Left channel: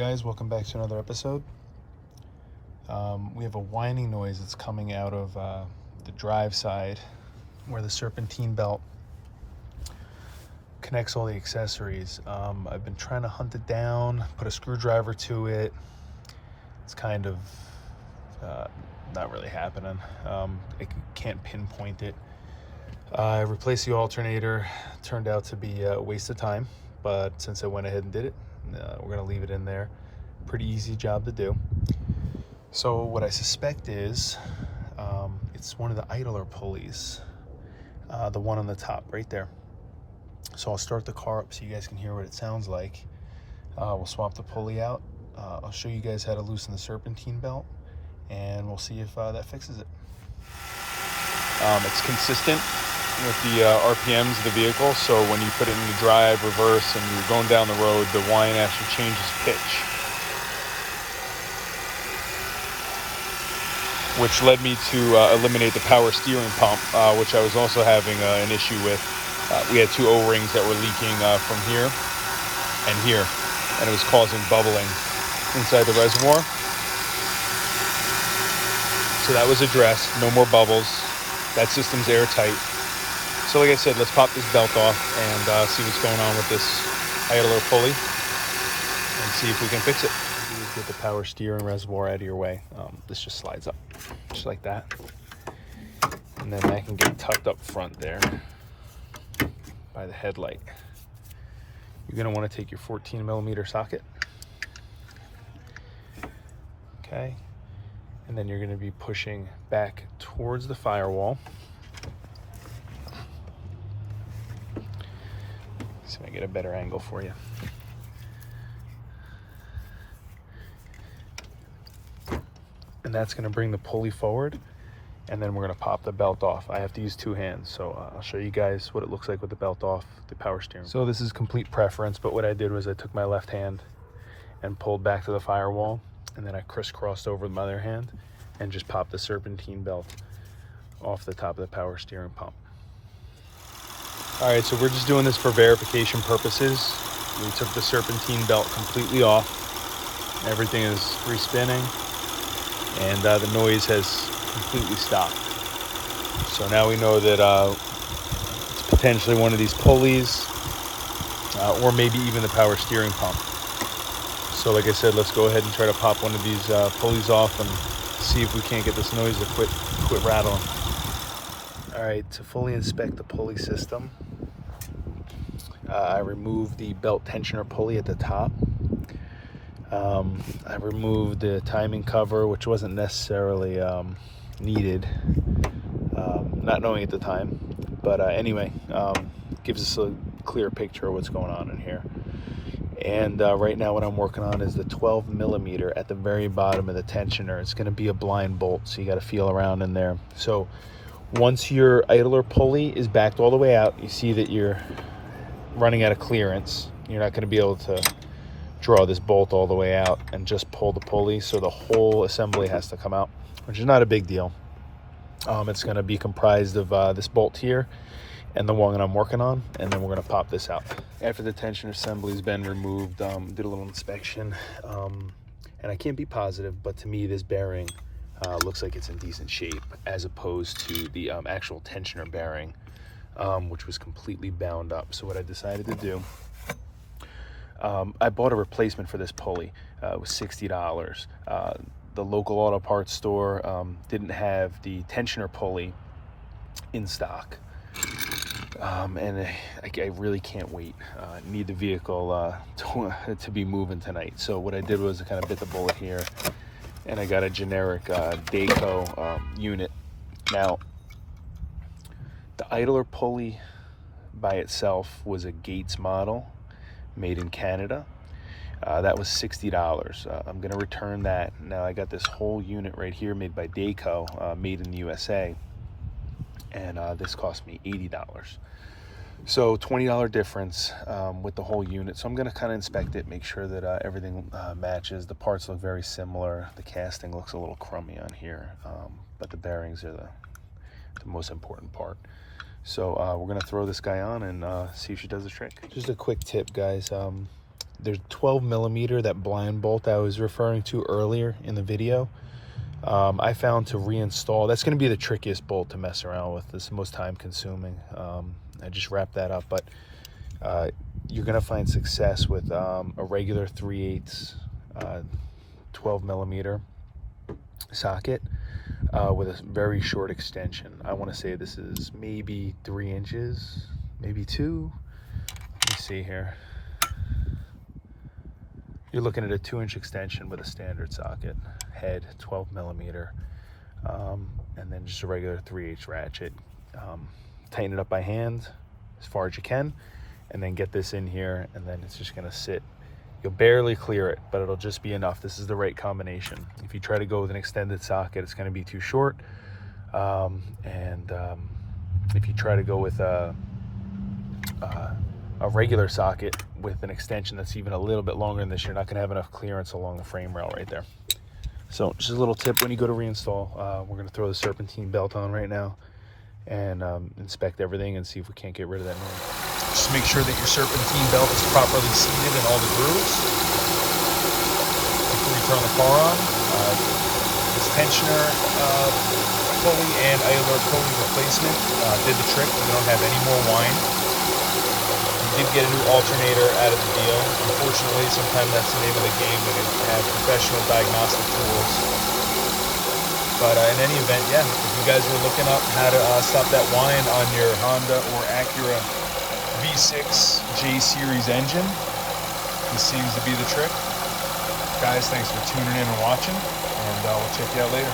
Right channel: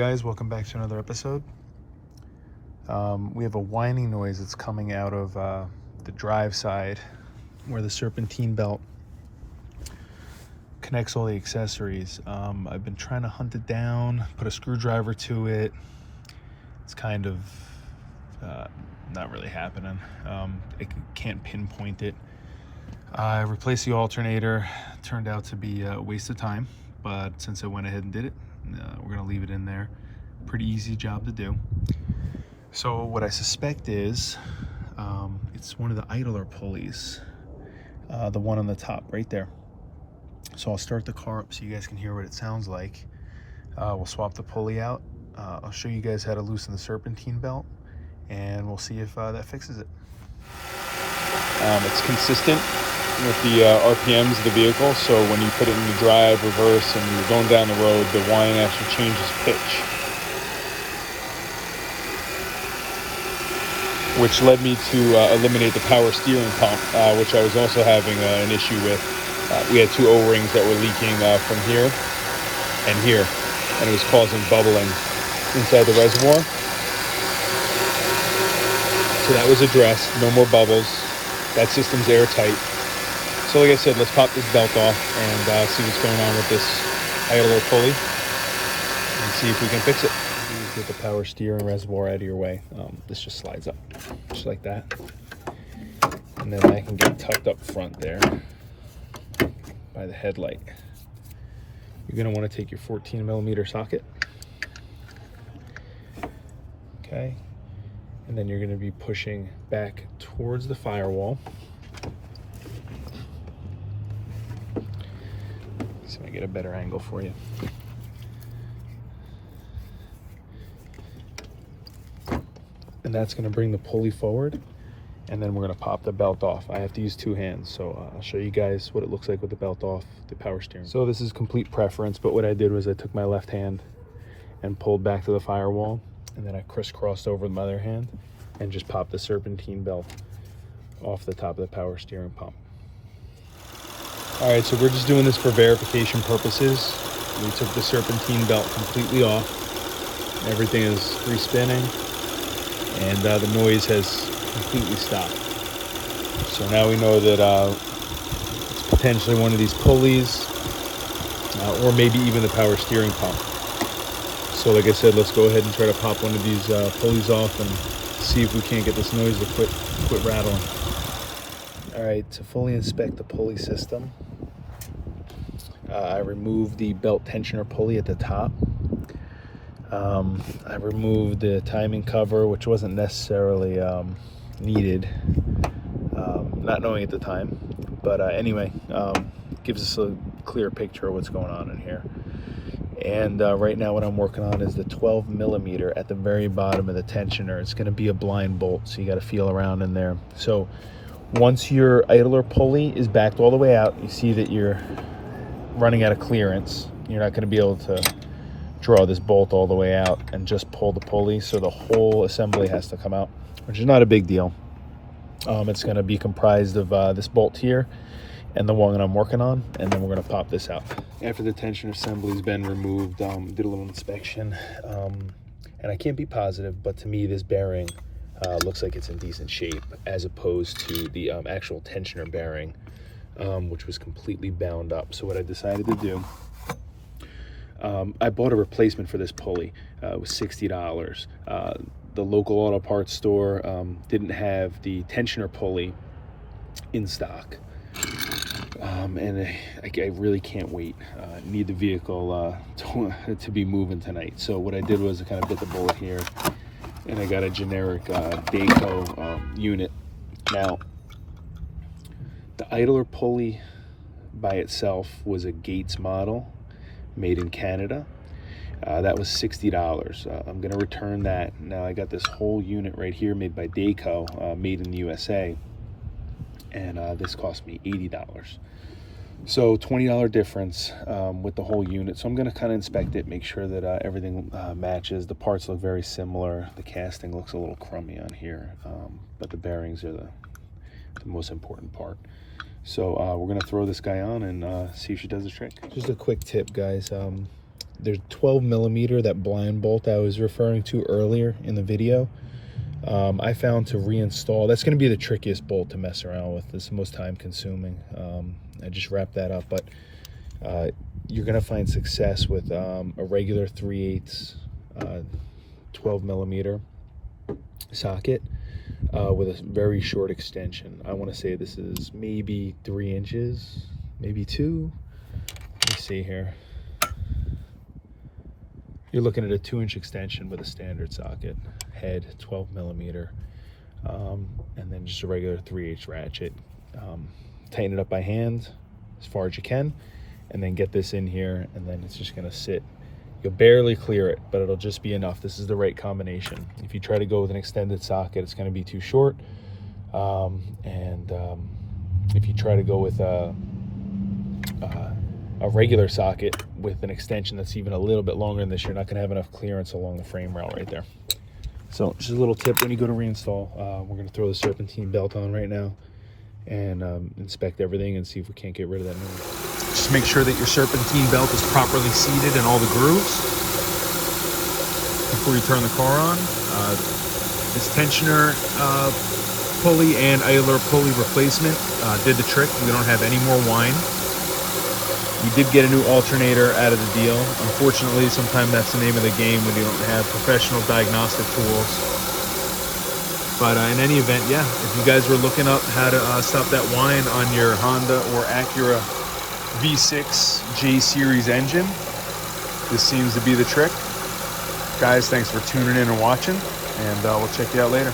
guys, welcome back to another episode. We have a whining noise that's coming out of the drive side where the serpentine belt connects all the accessories. I've been trying to hunt it down, put a screwdriver to it. It's kind of not really happening. It can't pinpoint it. I replaced the alternator. Turned out to be a waste of time, but since I went ahead and did it, we're going to leave it in there. Pretty easy job to do. So what I suspect is it's one of the idler pulleys, the one on the top right there. So I'll start the car up so you guys can hear what it sounds like. We'll swap the pulley out. I'll show you guys how to loosen the serpentine belt, and we'll see if that fixes it. It's consistent with the RPMs of the vehicle, so when you put it in drive, reverse, and you're going down the road, the whine actually changes pitch, which led me to eliminate the power steering pump, which I was also having an issue with. We had two O-rings that were leaking from here and here, and it was causing bubbling inside the reservoir. So that was addressed, no more bubbles. That system's airtight. So like I said, let's pop this belt off and see what's going on with this idler pulley and see if we can fix it. Get the power steering reservoir out of your way. This just slides up, just like that. And then I can get tucked up front there by the headlight. You're gonna wanna take your 14mm socket. Okay. And then you're gonna be pushing back towards the firewall. See if I get a better angle for you. And that's gonna bring the pulley forward, and then we're gonna pop the belt off. I have to use two hands, so I'll show you guys what it looks like with the belt off, the power steering. So this is complete preference, but what I did was I took my left hand and pulled back to the firewall, and then I crisscrossed over with my other hand and just popped the serpentine belt off the top of the power steering pump. All right, so we're just doing this for verification purposes. We took the serpentine belt completely off. Everything is respinning, and the noise has completely stopped. So now we know that it's potentially one of these pulleys, or maybe even the power steering pump. So like I said, let's go ahead and try to pop one of these pulleys off and see if we can't get this noise to quit rattling. All right, to fully inspect the pulley system, I removed the belt tensioner pulley at the top. I removed the timing cover, which wasn't necessarily needed, not knowing at the time. But anyway, gives us a clear picture of what's going on in here. And right now what I'm working on is the 12mm at the very bottom of the tensioner. It's going to be a blind bolt, so you got to feel around in there. So once your idler pulley is backed all the way out, you see that you're running out of clearance. You're not going to be able to draw this bolt all the way out and just pull the pulley, so the whole assembly has to come out, which is not a big deal. It's going to be comprised of this bolt here and the one that I'm working on, and then we're going to pop this out. After the tension assembly's been removed, did a little inspection, and I can't be positive, but to me this bearing looks like it's in decent shape, as opposed to the actual tensioner bearing, which was completely bound up. So what I decided to do, I bought a replacement for this pulley. It was $60. The local auto parts store didn't have the tensioner pulley in stock. And I really can't wait. I need the vehicle to be moving tonight. So what I did was I kind of bit the bullet here, and I got a generic Dayco unit. Now, the idler pulley by itself was a Gates model, made in Canada. That was $60. I'm gonna return that. Now I got this whole unit right here made by Dayco, made in the USA, and this cost me $80. So $20 difference with the whole unit. So I'm gonna kind of inspect it, make sure that everything matches. The parts look very similar. The casting looks a little crummy on here, but the bearings are the most important part. So we're gonna throw this guy on and see if she does the trick. Just a quick tip, guys. there's 12 millimeter, that blind bolt I was referring to earlier in the video. I found to reinstall, that's going to be the trickiest bolt to mess around with. It's the most time consuming. I just wrapped that up, but you're going to find success with a regular 3/8 12 millimeter socket with a very short extension. I want to say this is maybe 3 inches, maybe 2. Let me see here. You're looking at a 2-inch extension with a standard socket, head 12 millimeter, and then just a regular 3/8 ratchet. Tighten it up by hand as far as you can, and then get this in here, and then it's just gonna sit. You'll barely clear it, but it'll just be enough. This is the right combination. If you try to go with an extended socket, it's gonna be too short. If you try to go with a regular socket with an extension that's even a little bit longer than this, you're not gonna have enough clearance along the frame rail right there. So just a little tip when you go to reinstall, we're gonna throw the serpentine belt on right now and inspect everything and see if we can't get rid of that noise. Just make sure that your serpentine belt is properly seated in all the grooves before you turn the car on. This tensioner pulley and idler pulley replacement did the trick. We don't have any more whine. We did get a new alternator out of the deal. Unfortunately, sometimes that's the name of the game. We didn't have professional diagnostic tools. But in any event, yeah, if you guys were looking up how to stop that whine on your Honda or Acura V6 J series engine, this seems to be the trick. Guys, thanks for tuning in and watching, and we'll check you out later.